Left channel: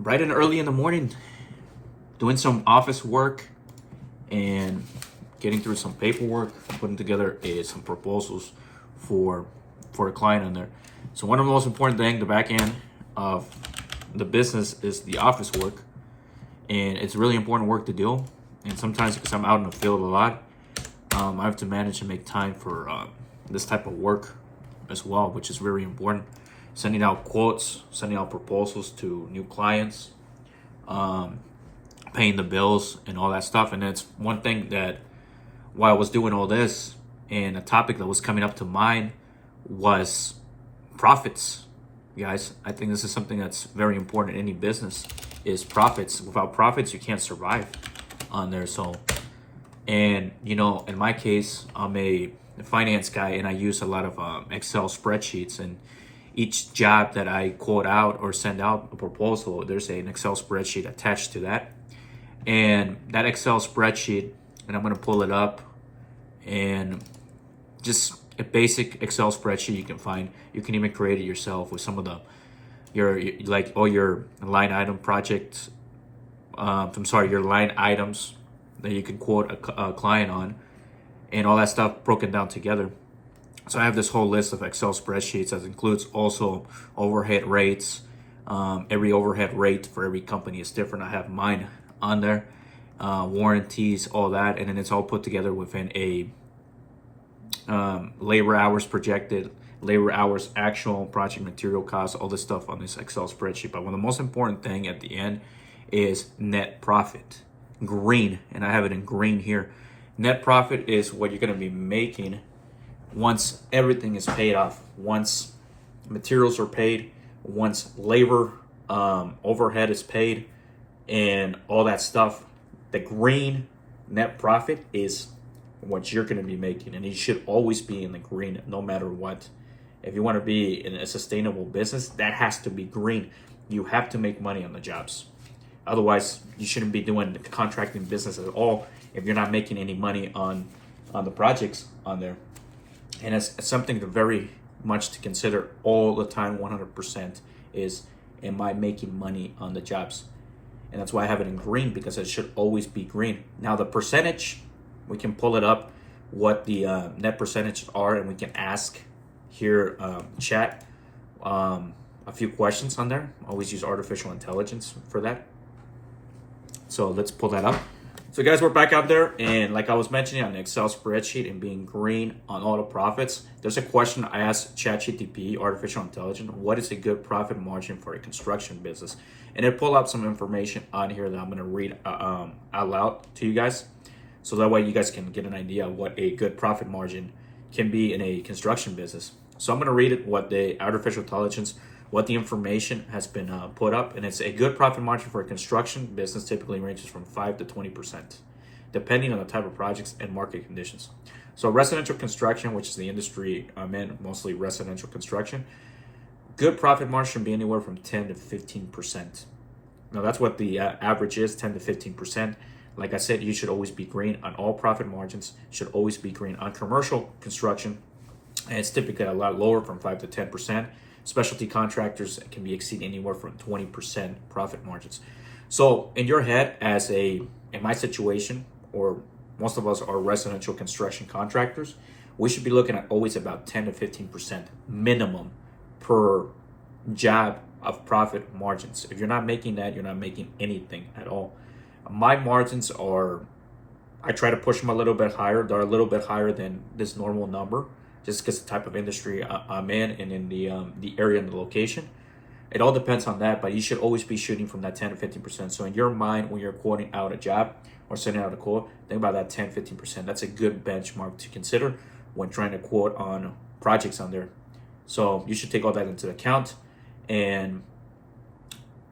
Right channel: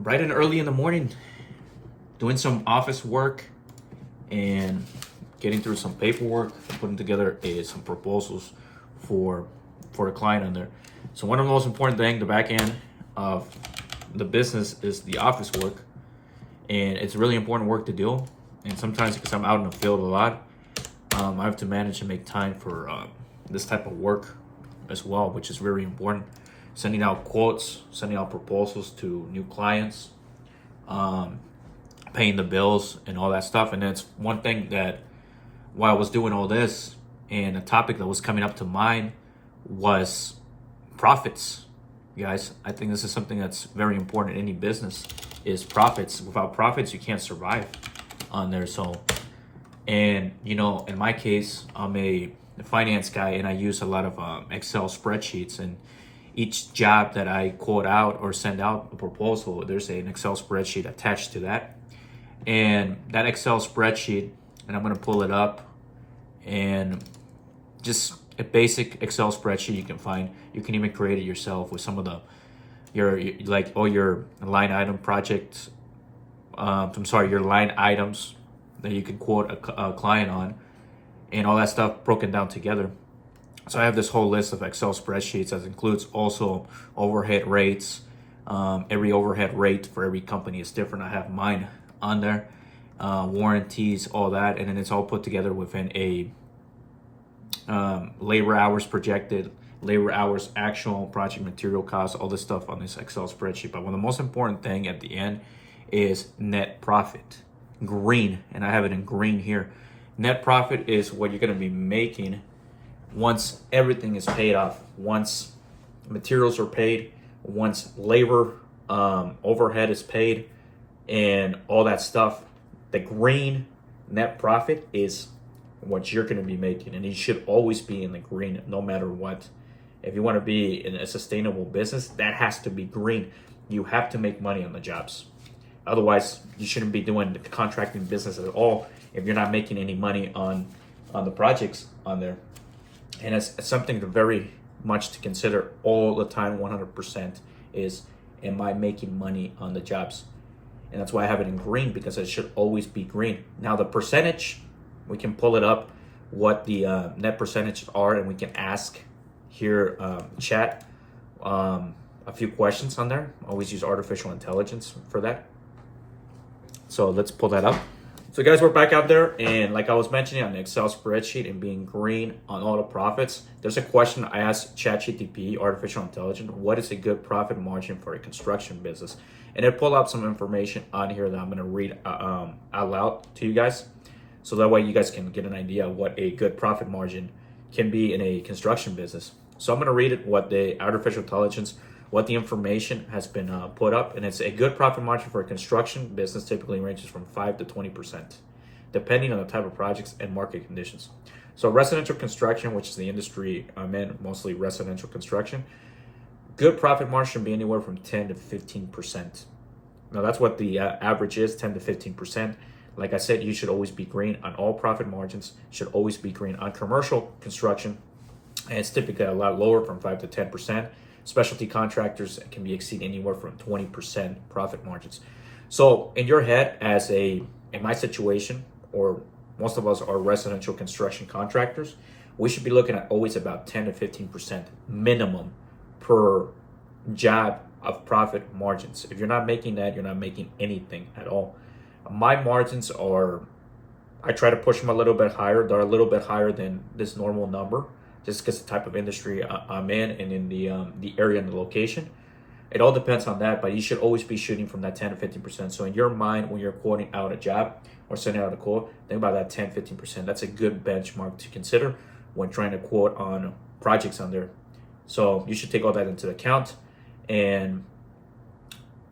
bright and early in the morning, doing some office work and getting through some paperwork, putting together some proposals for a client on there. So one of the most important things, the back end of the business, is the office work, and it's really important work to do. And sometimes, because I'm out in the field a lot, I have to manage and make time for this type of work as well, which is very important. Sending out quotes, sending out proposals to new clients, paying the bills and all that stuff. And it's one thing that while I was doing all this, and a topic that was coming up to mind was profits. Guys, I think this is something that's very important in any business, is profits. Without profits, you can't survive on there. So, and in my case, I'm a finance guy, and I use a lot of Excel spreadsheets. And each job that I quote out or send out a proposal, there's an Excel spreadsheet attached to that. And that Excel spreadsheet, and I'm going to pull it up, and just a basic Excel spreadsheet you can find. You can even create it yourself with some of all your line item projects. Your line items that you can quote a client on, and all that stuff broken down together. So I have this whole list of Excel spreadsheets that includes also overhead rates. Every overhead rate for every company is different. I have mine on there, warranties, all that, and then it's all put together within a labor hours projected, labor hours actual, project material costs, all this stuff on this Excel spreadsheet. But one of the most important thing at the end is net profit, green, and I have it in green here. Net profit is what you're going to be making once everything is paid off, once materials are paid, once labor overhead is paid, and all that stuff. The green net profit is what you're going to be making, and you should always be in the green no matter what. If you want to be in a sustainable business, that has to be green. You have to make money on the jobs. Otherwise, you shouldn't be doing the contracting business at all if you're not making any money on the projects on there. And it's something to very much to consider all the time, 100%, is, am I making money on the jobs? And that's why I have it in green, because it should always be green. Now the percentage, we can pull it up, what the net percentage are, and we can ask here, chat, a few questions on there. Always use artificial intelligence for that. So let's pull that up. So guys, we're back out there, and like I was mentioning, on the Excel spreadsheet and being green on all the profits, there's a question I asked ChatGPT, artificial intelligence, what is a good profit margin for a construction business? And it pulled out some information on here that I'm going to read out loud to you guys, so that way you guys can get an idea of what a good profit margin can be in a construction business. So I'm going to read it, what the artificial intelligence, what the information has been put up, and it's a good profit margin for a construction business typically ranges from 5 to 20%, depending on the type of projects and market conditions. So residential construction, which is the industry I'm in, mostly residential construction, good profit margin should be anywhere from 10 to 15%. Now that's what the average is, 10 to 15%. Like I said, you should always be green on all profit margins, should always be green on commercial construction, and it's typically a lot lower, from 5 to 10%. Specialty contractors can be exceed anywhere from 20% profit margins. So in your head, in my situation, or most of us are residential construction contractors, we should be looking at always about 10 to 15% minimum per job of profit margins. If you're not making that, you're not making anything at all. My margins are, I try to push them a little bit higher. They're a little bit higher than this normal number, just because the type of industry I'm in, and in the area and the location. It all depends on that, but you should always be shooting from that 10 to 15%. So in your mind, when you're quoting out a job or sending out a quote, think about that 10, 15%. That's a good benchmark to consider when trying to quote on projects on there. So you should take all that into account and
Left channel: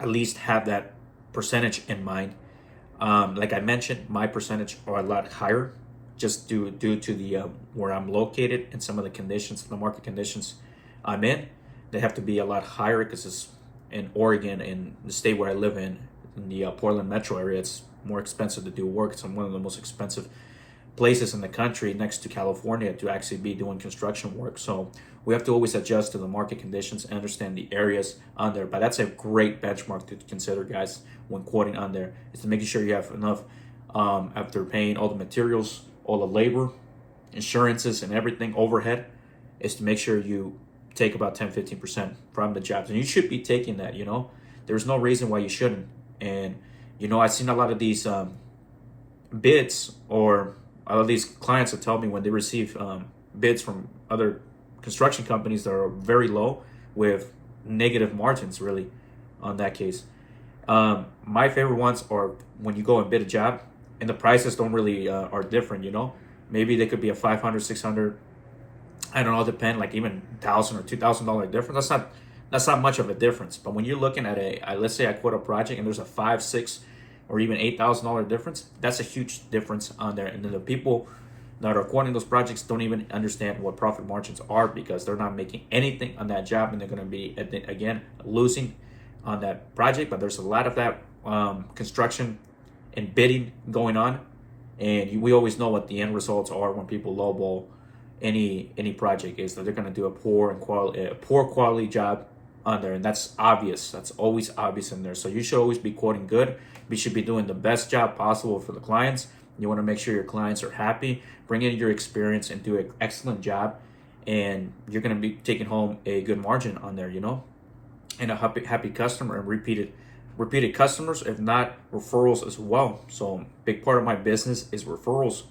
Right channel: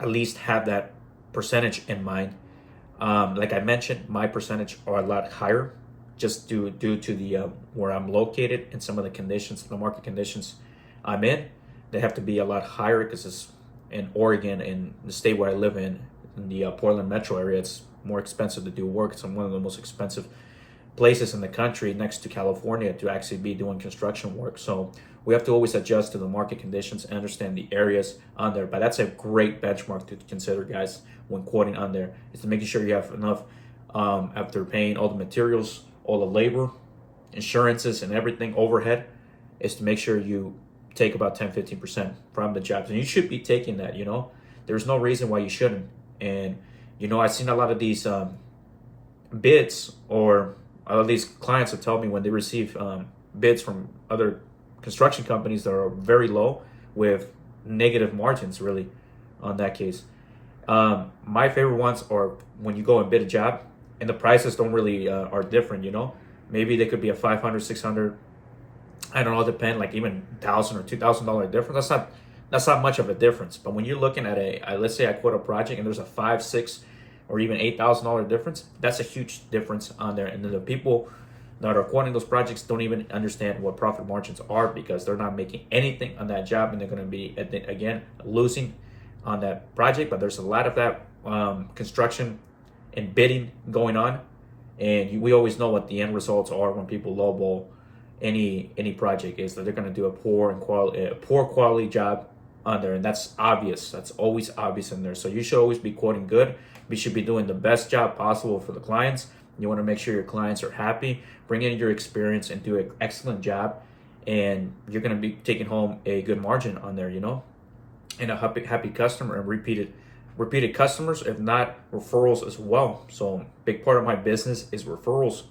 at least have that percentage in mind. Like I mentioned, my percentage are a lot higher, just due to the where I'm located and some of the conditions, the market conditions I'm in. They have to be a lot higher because it's in Oregon, in the state where I live in the Portland metro area. It's more expensive to do work. It's one of the most expensive places in the country, next to California, to actually be doing construction work. So We have to always adjust to the market conditions and understand the areas on there. But that's a great benchmark to consider, guys, when quoting on there, is to making sure you have enough after paying all the materials, all the labor, insurances, and everything, overhead, is to make sure you take about 10-15% from the jobs. And you should be taking that, There's no reason why you shouldn't. And, I've seen a lot of these bids, or a lot of these clients will tell me when they receive bids from other construction companies that are very low with negative margins, really, on that case. My favorite ones are when you go and bid a job and the prices don't really are different, Maybe they could be a 500, 600, I don't know, depend, like even $1,000 or $2,000 difference. That's not much of a difference. But when you're looking at let's say I quote a project and there's a $5, $6, or even $8,000 difference, that's a huge difference on there. And then the people that are quoting those projects don't even understand what profit margins are, because they're not making anything on that job, and they're going to be, again, losing on that project. But there's a lot of that construction and bidding going on, and we always know what the end results are when people lowball any project, is that they're going to do a poor quality job on there, and that's obvious. That's always obvious in there. So you should always be quoting good. You should be doing the best job possible for the clients. You want to make sure your clients are happy. Bring in your experience and do an excellent job, and you're going to be taking home a good margin on there, and a happy customer, and repeated customers, if not referrals as well. So big part of my business is referrals,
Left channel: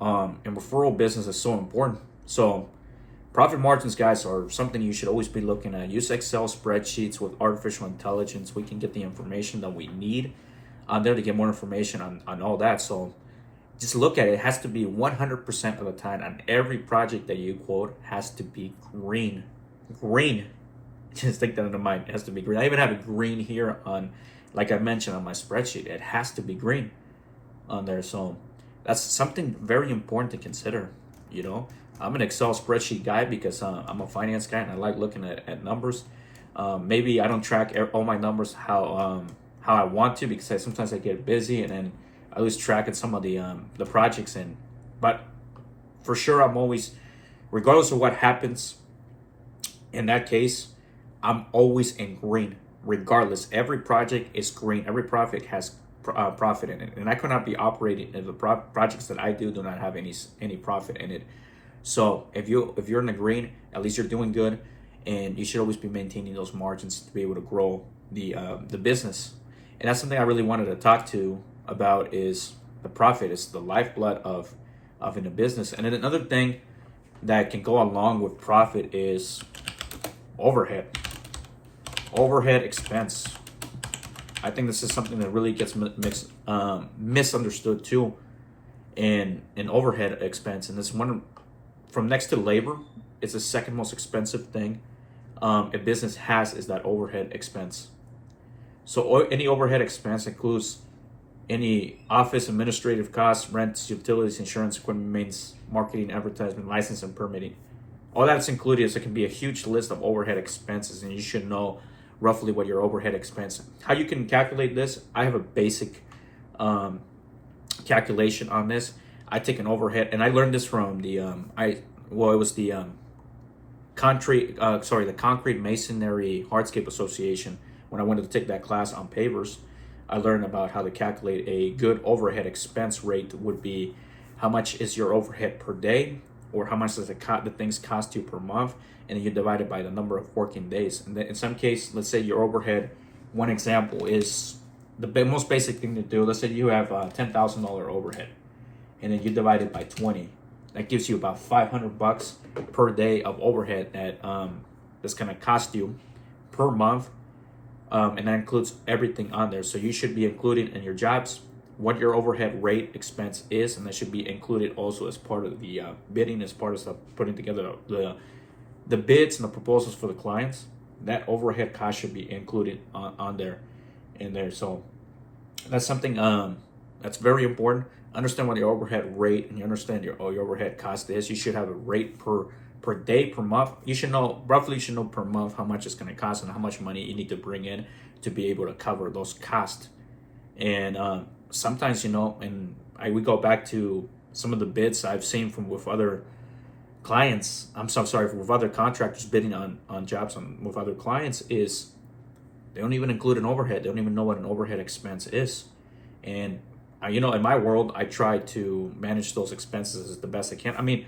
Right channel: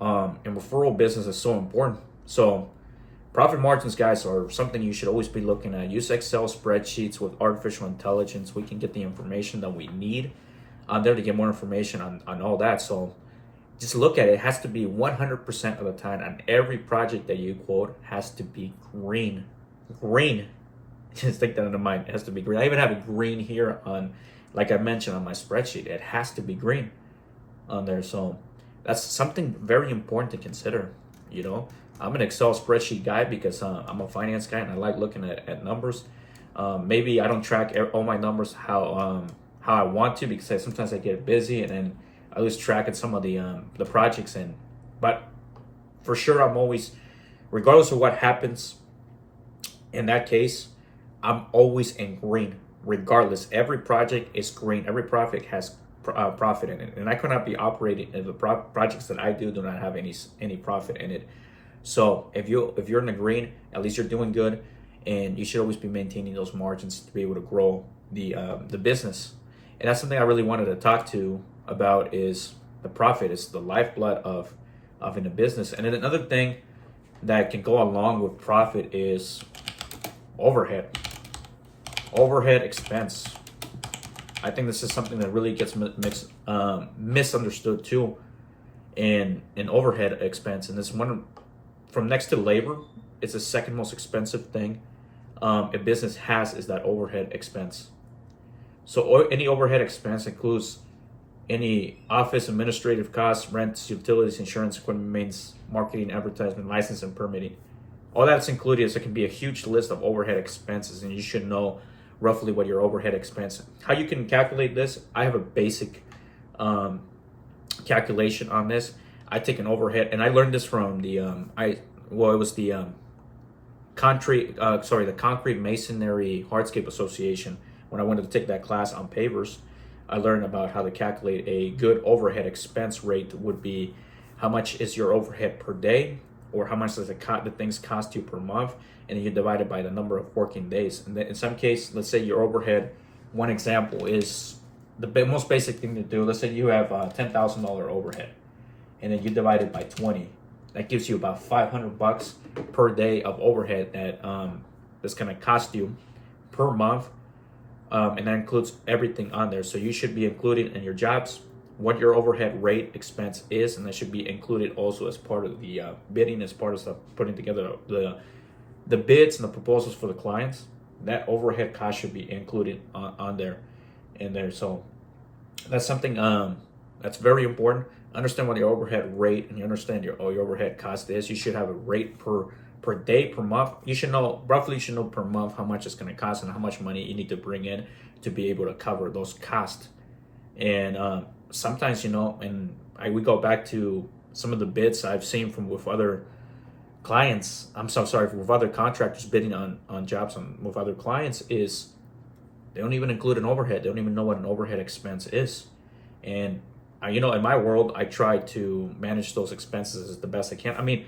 and referral business is so important. So profit margins, guys, are something you should always be looking at. Use Excel spreadsheets with artificial intelligence. We can get the information that we need on there to get more information on all that. So just look at it. It has to be 100% of the time on every project that you quote has to be green. Green. Just take that into mind. It has to be green. I even have it green here on, like I mentioned, on my spreadsheet. It has to be green on there. So that's something very important to consider. I'm an Excel spreadsheet guy because I'm a finance guy and I like looking at numbers. Maybe I don't track all my numbers how I want to, because sometimes I get busy and then I lose track of some of the projects. But for sure, I'm always, regardless of what happens in that case, I'm always in green. Regardless, every project is green. Every project has profit in it, and I could not be operating if the projects that I do not have any profit in it. So if you're in the green, at least you're doing good, and you should always be maintaining those margins to be able to grow the business. And that's something I really wanted to talk to about, is the profit is the lifeblood of in a business. And then another thing that can go along with profit is overhead expense. I think this is something that really gets misunderstood too, in overhead expense. And this one, from next to labor, it's the second most expensive thing a business has, is that overhead expense. So any overhead expense includes any office administrative costs, rents, utilities, insurance, equipment, maintenance, marketing, advertisement, license, and permitting. All that's included. So it can be a huge list of overhead expenses, and you should know roughly what your overhead expense. How you can calculate this, I have a basic calculation on this. I take an overhead, and I learned this from the Concrete Masonry Hardscape Association. When I wanted to take that class on pavers, I learned about how to calculate a good overhead expense rate. Would be how much is your overhead per day, or how much does the things cost you per month, and then you divide it by the number of working days. And then in some case, let's say your overhead, one example is the most basic thing to do. Let's say you have $10,000 overhead, and then you divide it by 20. That gives you about $500 per day of overhead that's going to cost you per month. And that includes everything on there. So you should be including in your jobs what your overhead rate expense is, and that should be included also as part of the bidding, as part of putting together the bids and the proposals for the clients. That overhead cost should be included on there, in there. So that's something that's very important. Understand what your overhead rate, and you understand your overhead cost is. You should have a rate per day, per month. You should know per month how much it's going to cost and how much money you need to bring in to be able to cover those costs. And sometimes, and we go back to some of the bids I've seen with other clients, I'm so sorry, with other contractors bidding on jobs with other clients is they don't even include an overhead. They don't even know what an overhead expense is. And in my world, I try to manage those expenses as the best I can. I mean,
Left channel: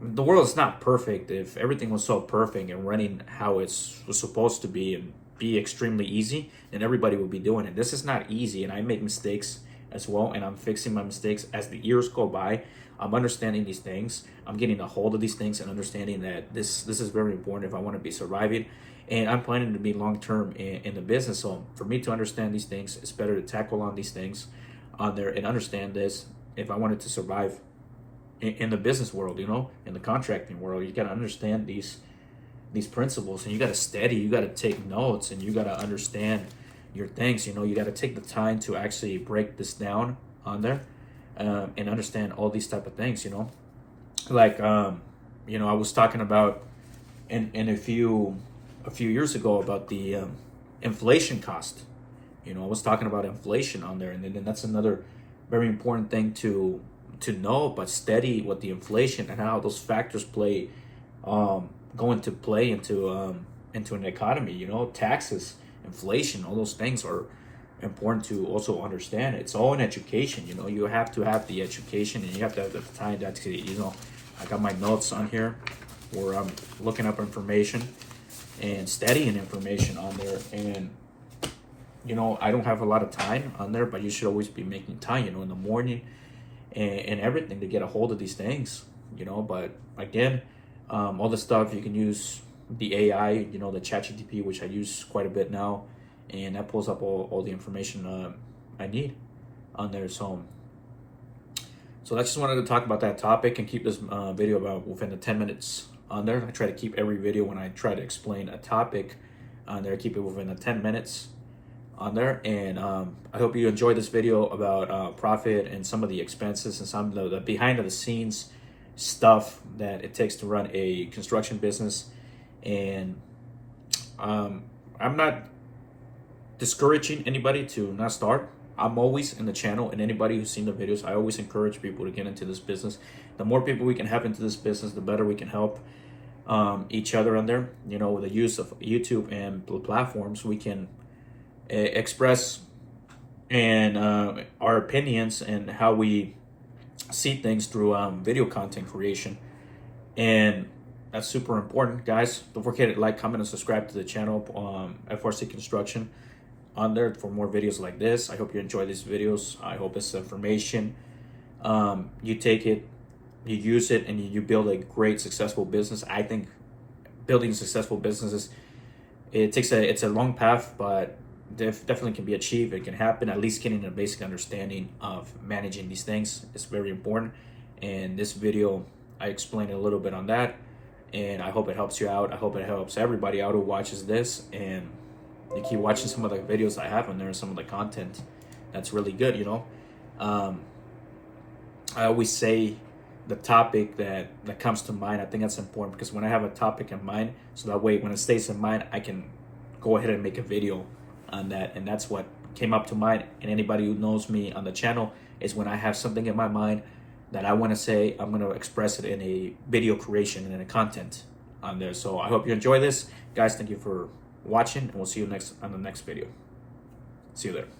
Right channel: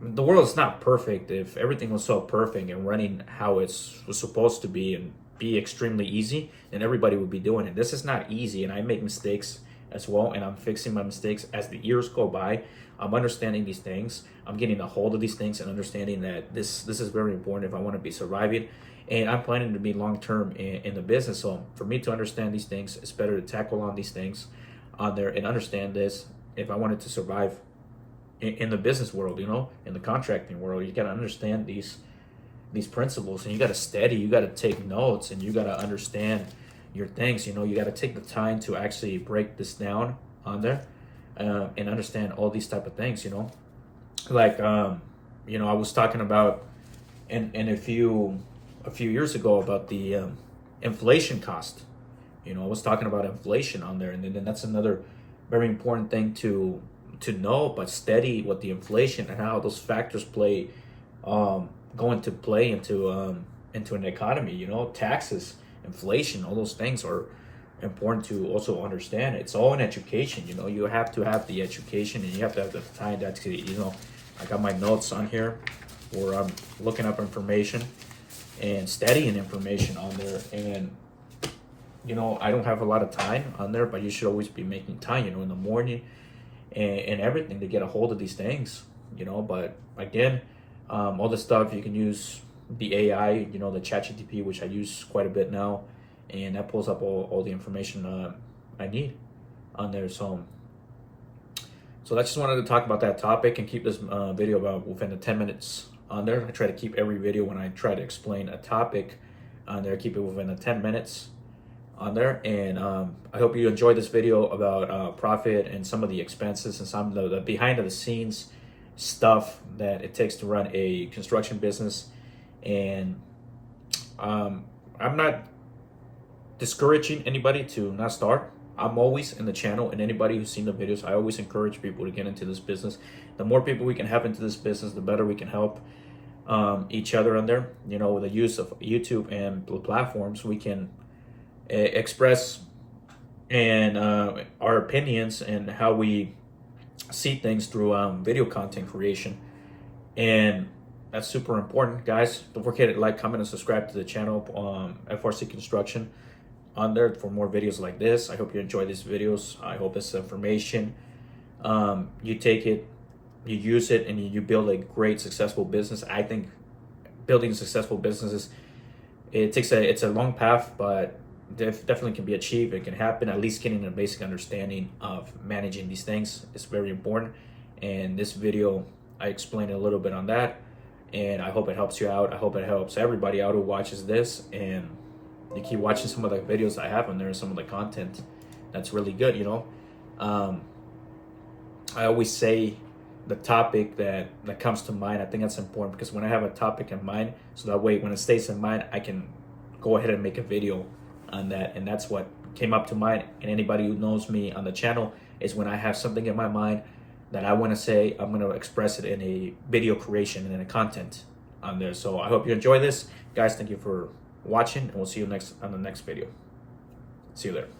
the world is not perfect. If everything was so perfect and running how it was supposed to be and be extremely easy, then everybody would be doing it. This is not easy, and I make mistakes as well, and I'm fixing my mistakes as the years go by. I'm understanding these things. I'm getting a hold of these things and understanding that this is very important if I want to be surviving. And I'm planning to be long term in the business. So for me to understand these things, it's better to tackle on these things on there and understand this if I wanted to survive in the business world, in the contracting world. You got to understand these principles, and you got to study, you got to take notes, and you got to understand your things. You got to take the time to actually break this down on there and understand all these type of things. Like I was talking about in a few years ago about the inflation cost. I was talking about inflation on there, and then that's another very important thing to know, but study what the inflation and how those factors play go into play into an economy. Taxes, inflation, all those things are important to also understand. It's all in education. You have to have the education, and you have to have the time to actually, I got my notes on here where I'm looking up information and studying information on there. And I don't have a lot of time on there, but you should always be making time, in the morning and everything to get a hold of these things, but again, all the stuff you can use the AI, the ChatGPT, which I use quite a bit now, and that pulls up all the information I need on there. So I just wanted to talk about that topic and keep this video about within the 10 minutes on there. I try to keep every video, when I try to explain a topic on there, keep it within the 10 minutes on there. And I hope you enjoyed this video about profit and some of the expenses and some of the behind the scenes stuff that it takes to run a construction business. And I'm not discouraging anybody to not start. I'm always in the channel, and anybody who's seen the videos, I always encourage people to get into this business. The more people we can have into this business, the better we can help each other on there. With the use of YouTube and the platforms, we can express and our opinions and how we see things through video content creation. And that's super important, guys. Don't forget to like, comment, and subscribe to the channel, FRC Construction, on there for more videos like this. I hope you enjoy these videos. I hope this information, you take it, you use it, and you build a great, successful business. I think building successful businesses, it's a long path, but definitely can be achieved. It can happen. At least getting a basic understanding of managing these things is very important. And this video, I explained a little bit on that, and I hope it helps you out. I hope it helps everybody out who watches this, and you keep watching some of the videos I have on there, some of the content that's really good. I always say the topic that comes to mind. I think that's important, because when I have a topic in mind, so that way when it stays in mind, I can go ahead and make a video on that. And that's what came up to mind. And anybody who knows me on the channel is when I have something in my mind that I want to say, I'm going to express it in a video creation and in a content on there. So I hope you enjoy this, guys. Thank you for watching, and we'll see you on the next video. See you there.